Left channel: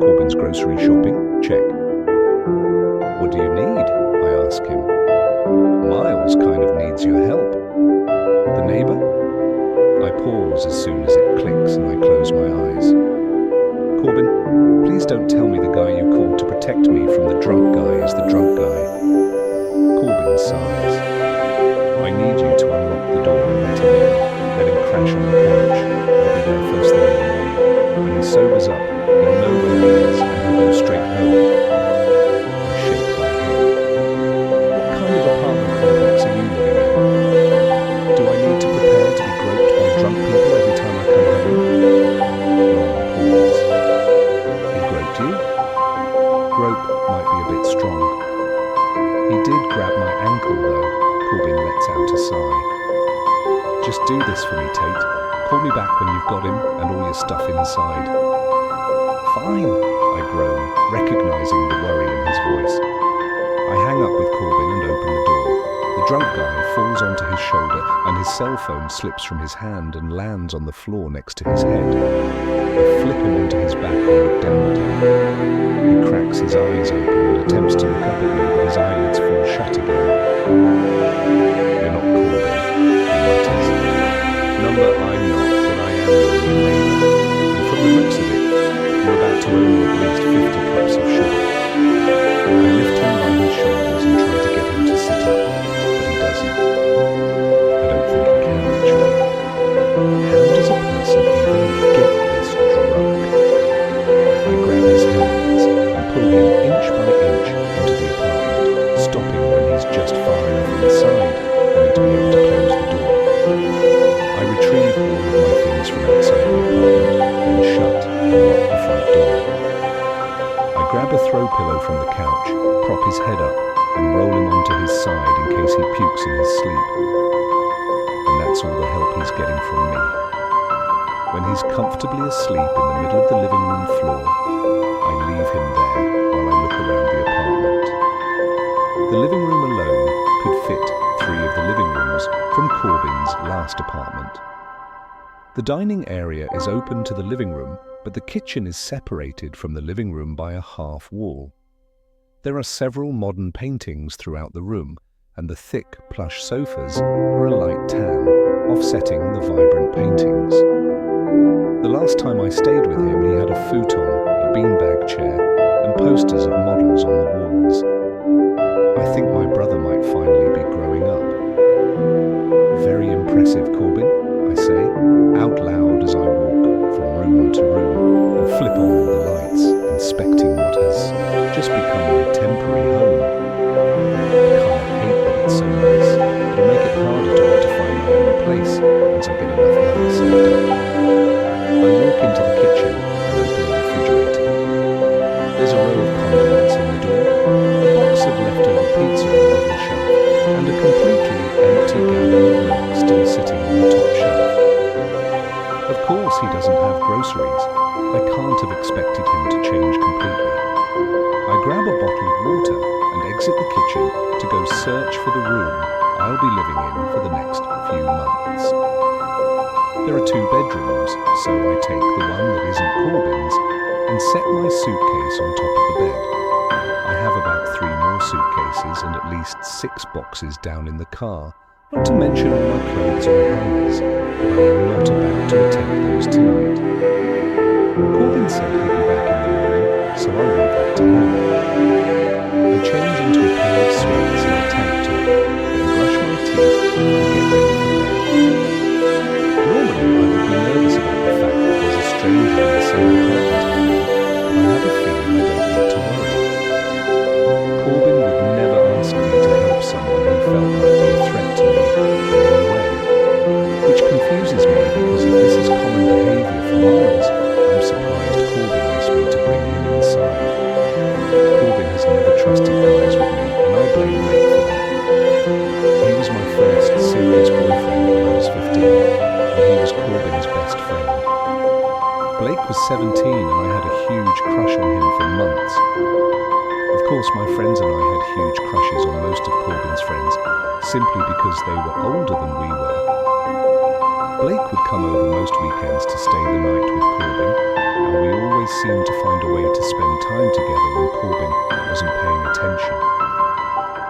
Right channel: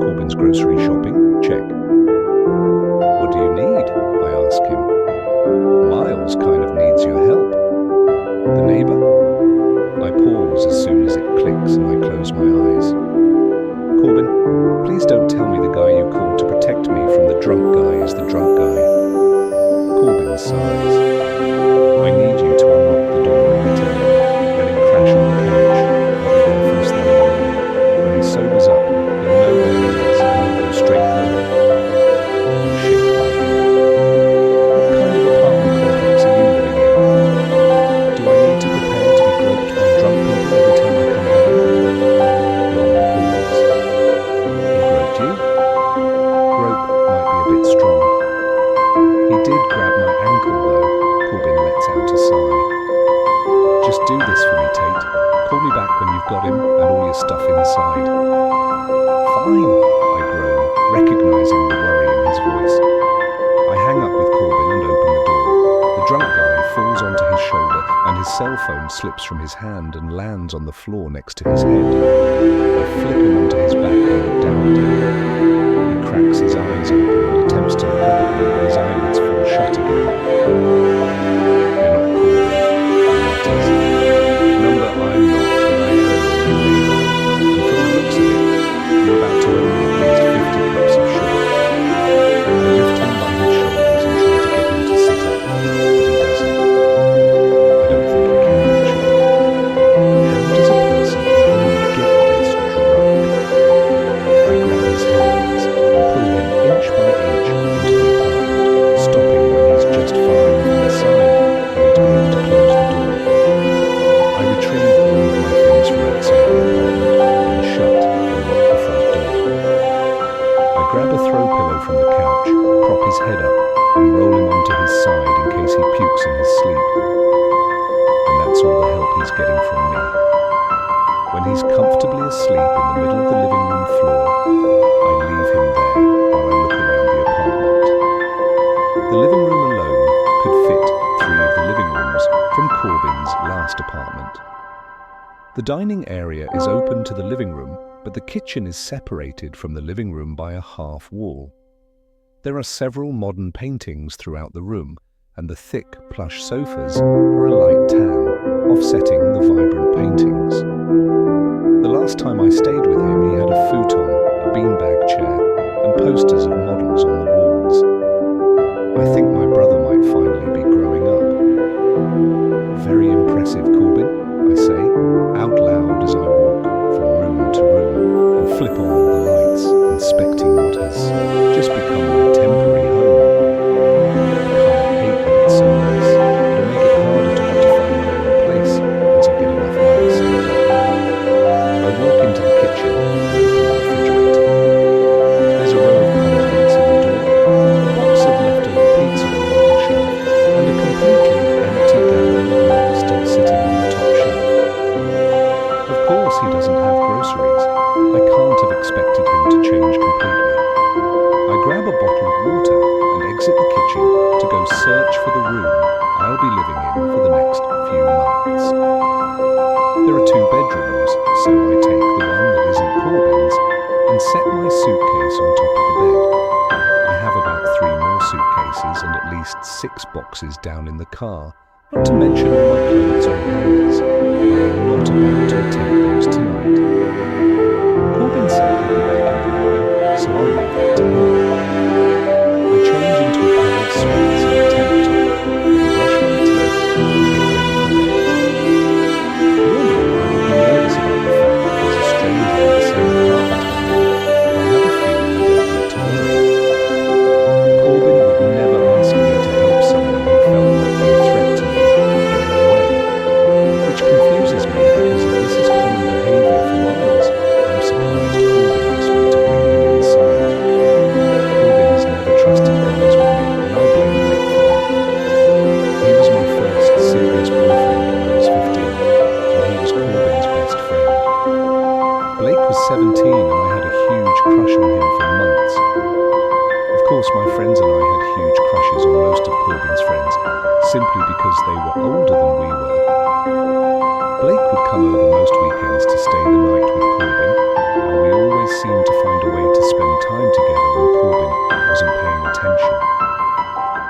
Corbin's grocery shopping? Check. What do you need? I ask him. Miles kind of needs your help. The neighbor? I pause as soon as it clicks and I close my eyes. Corbin, please don't tell me the guy you called to protect me from the drunk guy is the drunk guy. Corbin sighs. I need you to unlock the door and let him in. Let him crash on the couch. I'll be there first thing in the morning. When he sobers up, he'll know where he is and he'll go straight home. I shake my head. What kind of apartment complex are you living in? Do I need to prepare to be groped by drunk people every time I come home? Long pause. He groped you? Grope might be a bit strong. He did grab my ankle though. Corbin lets out a sigh. Just do this for me, Tate. Call me back when you've got him and all your stuff inside. Fine, I groan, recognizing the worry in his voice. I hang up with Corbin and open the door. The drunk guy falls onto his shoulder and his cell phone slips from his hand and lands on the floor next to his head. I flip him onto his back and look down at him. He cracks his eyes open and attempts to look up at me, but his eyelids fall shut again. You're not Corbin, he mutters. Number I'm not, but I am your new neighbor. And from the looks of it, you're about to owe me at least 50 cups of sugar. I lift him by his shoulders and try to get him to sit up, but he doesn't. I don't think he can, actually. How does a person even get this drunk? I grab his hands and pull him inch by inch into the apartment, stopping when he's just far enough inside for me to be able to close the door. I retrieve all of my things from outside the apartment, then shut and lock the front door. I grab a throw pillow from the couch, prop his head up, and roll him onto his side in case he pukes in his sleep. And that's all the help he's getting from me. When he's comfortably asleep in the middle of the living room floor, I leave him there while I look around the apartment. The living room alone could fit 3 of the living rooms from Corbin's last apartment. The dining area is open to the living room, but the kitchen is separated from the living room by a half wall. There are several modern paintings throughout the room, and the thick, plush sofas are a light tan, offsetting the vibrant paintings. The last time I stayed with him, he had a futon, a beanbag chair, and posters of models on the walls. I think my brother might finally be growing up. Very impressive, Corbin, I say, out loud as I walk from room to room and flip on all the lights, inspecting what has just become my temporary home. I kind of hate that it's so nice. It'll make it harder to want to find my own place once I get enough money saved up. I walk into the kitchen and open the refrigerator. There's a row of condiments in the door, a box of leftover pizza on the middle shelf, and a completely empty gallon of milk still sitting on the top shelf. Of course he doesn't have groceries. I can't have expected him to change completely. I grab a bottled water and exit the kitchen to go search for the room I'll be living in for the next few months. There are 2 bedrooms, so I take the one that isn't Corbin's and set my suitcase on top of the bed. I have about 3 more suitcases and at least 6 boxes down in the car, not to mention all my clothes on hangers, but I am not about to attempt those tonight. Corbin said he'd be back in the morning, so I'll leave that to him. I change into a pair of sweats and a tank top, then brush my teeth and get ready for bed. Normally I would be nervous about the fact that there's a stranger in the same apartment I'm in, but I have a feeling I don't need to worry. Corbin would never ask me to help someone who felt might be a threat to me in any way, which confuses me because if this is common behaviour for Miles, I'm surprised Corbin asked me to bring him inside. Corbin has never trusted guys with me, and I blame Blake for that. He was my first serious boyfriend when I was 15, and he was Corbin's best friend. Blake was 17 and I had a huge crush on him for months. Of course, my friends and I had huge crushes on most of Corbin's friends, simply because they were older than we were. Blake would come over most weekends to stay the night with Corbin, and we always seemed to find a way to spend time together when Corbin wasn't paying attention.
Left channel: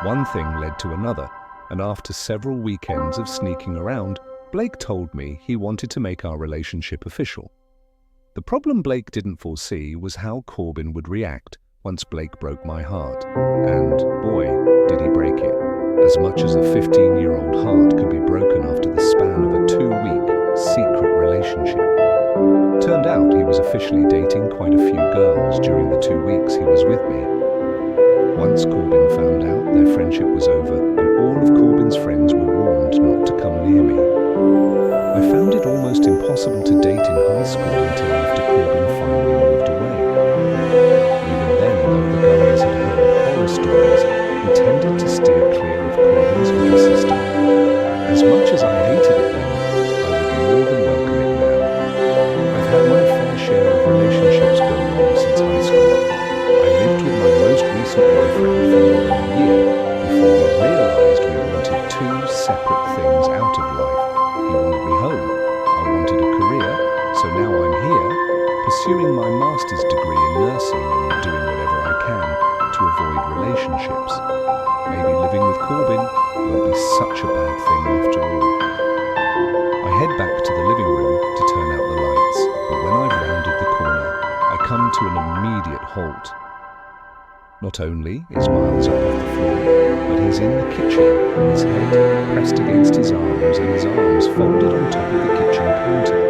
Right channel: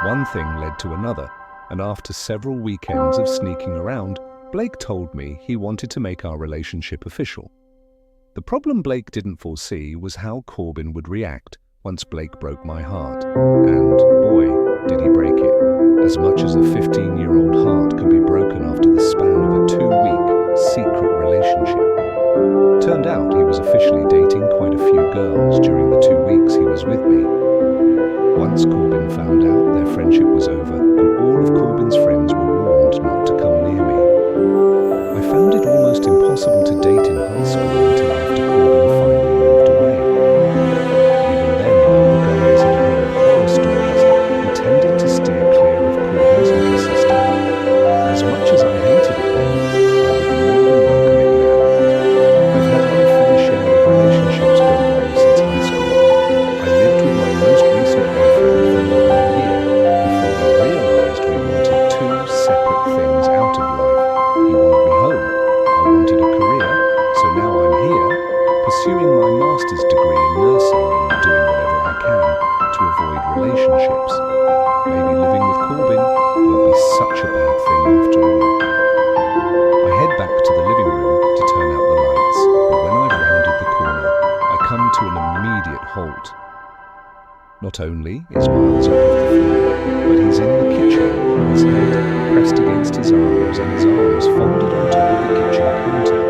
One thing led to another, and after several weekends of sneaking around, Blake told me he wanted to make our relationship official. The problem Blake didn't foresee was how Corbin would react once Blake broke my heart. And, boy, did he break it. As much as a 15-year-old heart can be broken after the span of a 2-week secret relationship. Turned out he was officially dating quite a few girls during the 2 weeks he was with me. Once Corbin found out, their friendship was over, and all of Corbin's friends were warned not to come near me. I found it almost impossible to date in high school until after Corbin finally moved away. Even then, though the guys had heard horror stories, we tended to steer clear of Corbin's little sister. As much as I hated it then, I would more than welcome it now. I've had my fair share of relationships go wrong since high school. I lived with my most recent boyfriend for more than a year before we realized we wanted two separate things out of life. He wanted me home, I wanted a career, so now I'm here, pursuing my master's degree in nursing and doing whatever I can to avoid relationships. Maybe living with Corbin won't be such a bad thing after all. I head back to the living room to turn out the lights, but when I've rounded the corner, I come to an immediate halt. Not only is Miles up off the floor, but he's in the kitchen, his head pressed against his arms and his arms folded on top of the kitchen counter.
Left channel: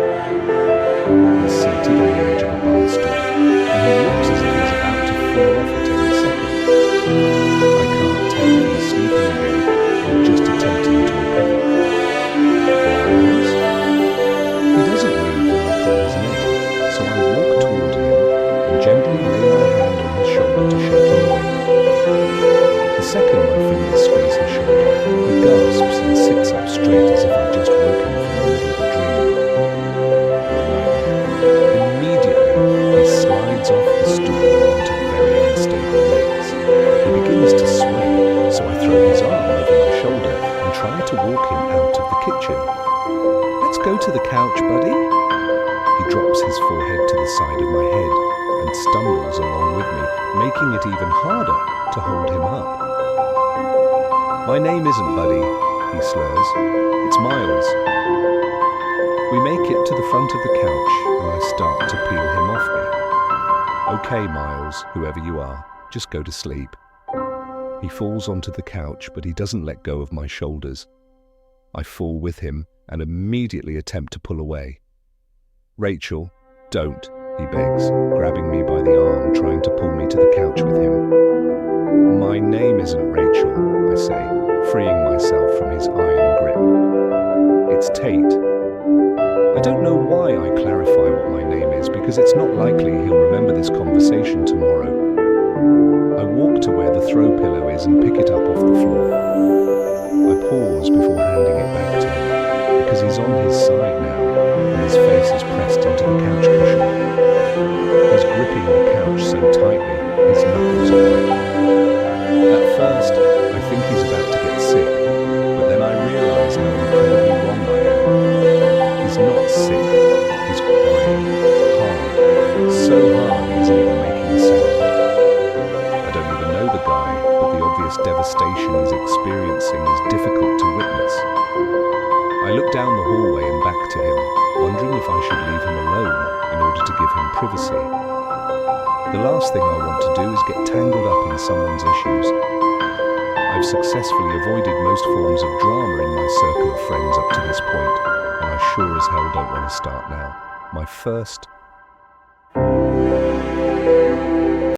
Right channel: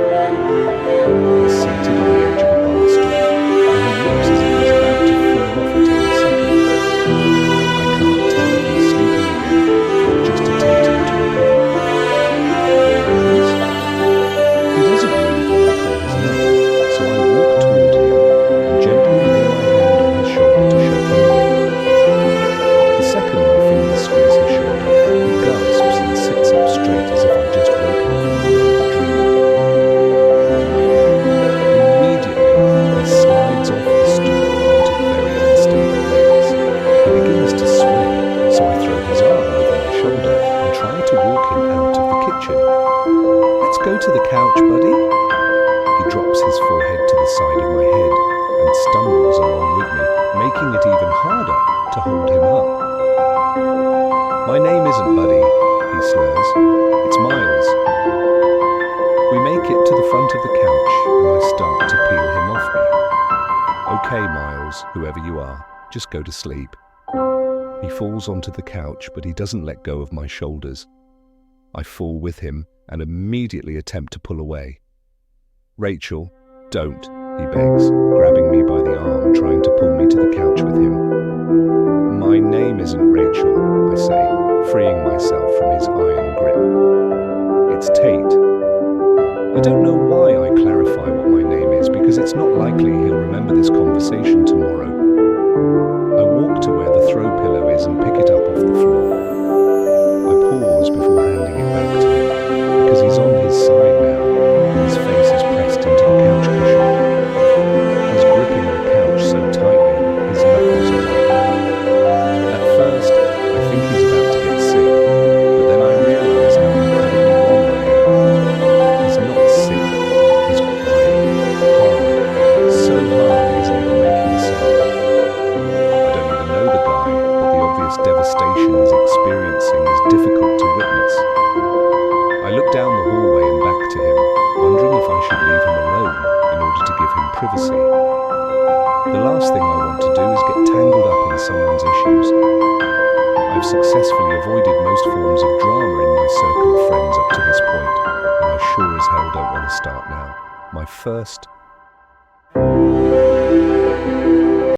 He's seated on the edge of a bar stool, and he looks as if he's about to fall off at any second. I can't tell if he's sleeping again or just attempting to recover. Miles? He doesn't move when I call his name, so I walk toward him and gently lay my hand on his shoulder to shake him awake. The second my fingers squeeze his shoulder, he gasps and sits up straight as if I'd just woken him from the middle of a dream. A nightmare. Immediately, he slides off the stool and onto very unstable legs. He begins to sway, so I throw his arm over my shoulder and try to walk him out of the kitchen. "Let's go to the couch, buddy." He drops his forehead to the side of my head and stumbles along with me, making it even harder to hold him up. "My name isn't Buddy," he slurs. "It's Miles." We make it to the front of the couch and I start to peel him off me. "Okay, Miles, whoever you are, just go to sleep." He falls onto the couch, but he doesn't let go of my shoulders. I fall with him and immediately attempt to pull away. "Rachel, don't," he begs, grabbing me by the arm, trying to pull me to the couch with him. "My name isn't Rachel," I say, freeing myself from his iron grip. "It's Tate." I don't know why I clarify what my name is, because it's not likely he'll remember this conversation tomorrow. I walk to where the throw pillow is and pick it up off the floor. I pause before handing it back to him, because he's on his side now, and his face is pressed into the couch cushion. He's gripping the couch so tightly, his knuckles are white. At first, I think he's about to get sick, but then I realize how incredibly wrong I am. He's not sick, he's crying, hard, so hard he isn't even making a sound. I don't even know the guy, but the obvious devastation he's experiencing is difficult to witness. I look down the hallway and back to him, wondering if I should leave him alone in order to give him privacy. The last thing I want to do is get tangled up in someone's issues. I've successfully avoided most forms of drama in my circle of friends up to this point, and I sure as hell don't want to start now. My first